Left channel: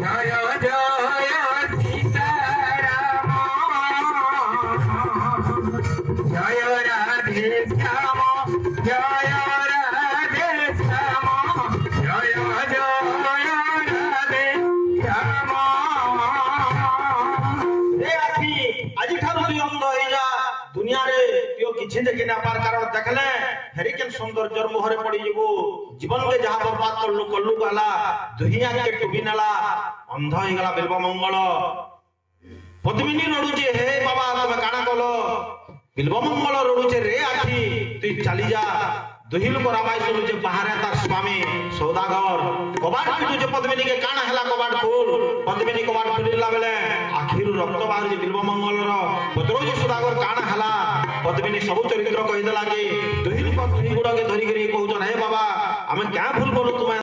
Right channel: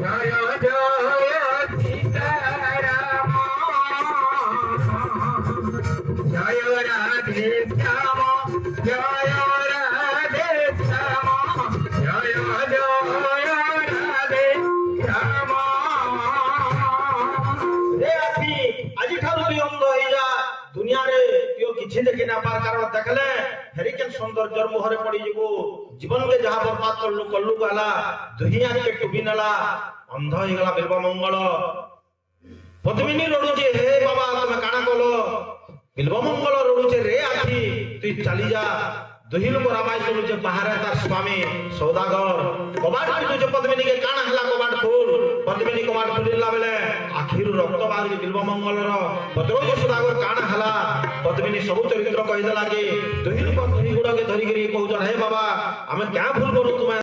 জয় জয় সীতারাম জয় রাধে শ্যাম জয় রাধে শ্যাম জয় জয় রাধে শ্যাম। রে আখি আজি ঠারু তুই অন্ধ হই যা দুনিয়ারে তুই কিছু দেখি না পার কারণ দেখলে হেরিকেন সৌন্দর্যর মোহরে পড়ি যাব জীবনকে যাহা বরবাদ করলু কল্লু গলা দুহিয়াকে টুবি নেলা অন্ধ হয়ে গলা বিল্ব মঙ্গল পদ্মিনী রড়ুছে হে বাবা তুমি কাଣା কল বিল্ব মঙ্গল রড়ুছে রে আখি তুই চালি যা দুহি লোক রামাই শুনুছে বাহারে তার স্বামী সৌদাগর কবাট পিটুছে পদ্মিনীকে কাଣା হেলা কবাট খুল পদ্মিনী কবাট খুলিলা বেলে আখিরু রক্ত বাহাରୁଛି বিল্ব মঙ্গলর পত্রৌছে সৌদাগর কাଣା হেলা পদ্মিনী ସବୁ চরিত্র কহিদেলা যে দুহি লোক দুহি গুড়কে ধরিকি কହୁଛন হে বাবা আমি ক্যাঁ ভুল বলু তুমি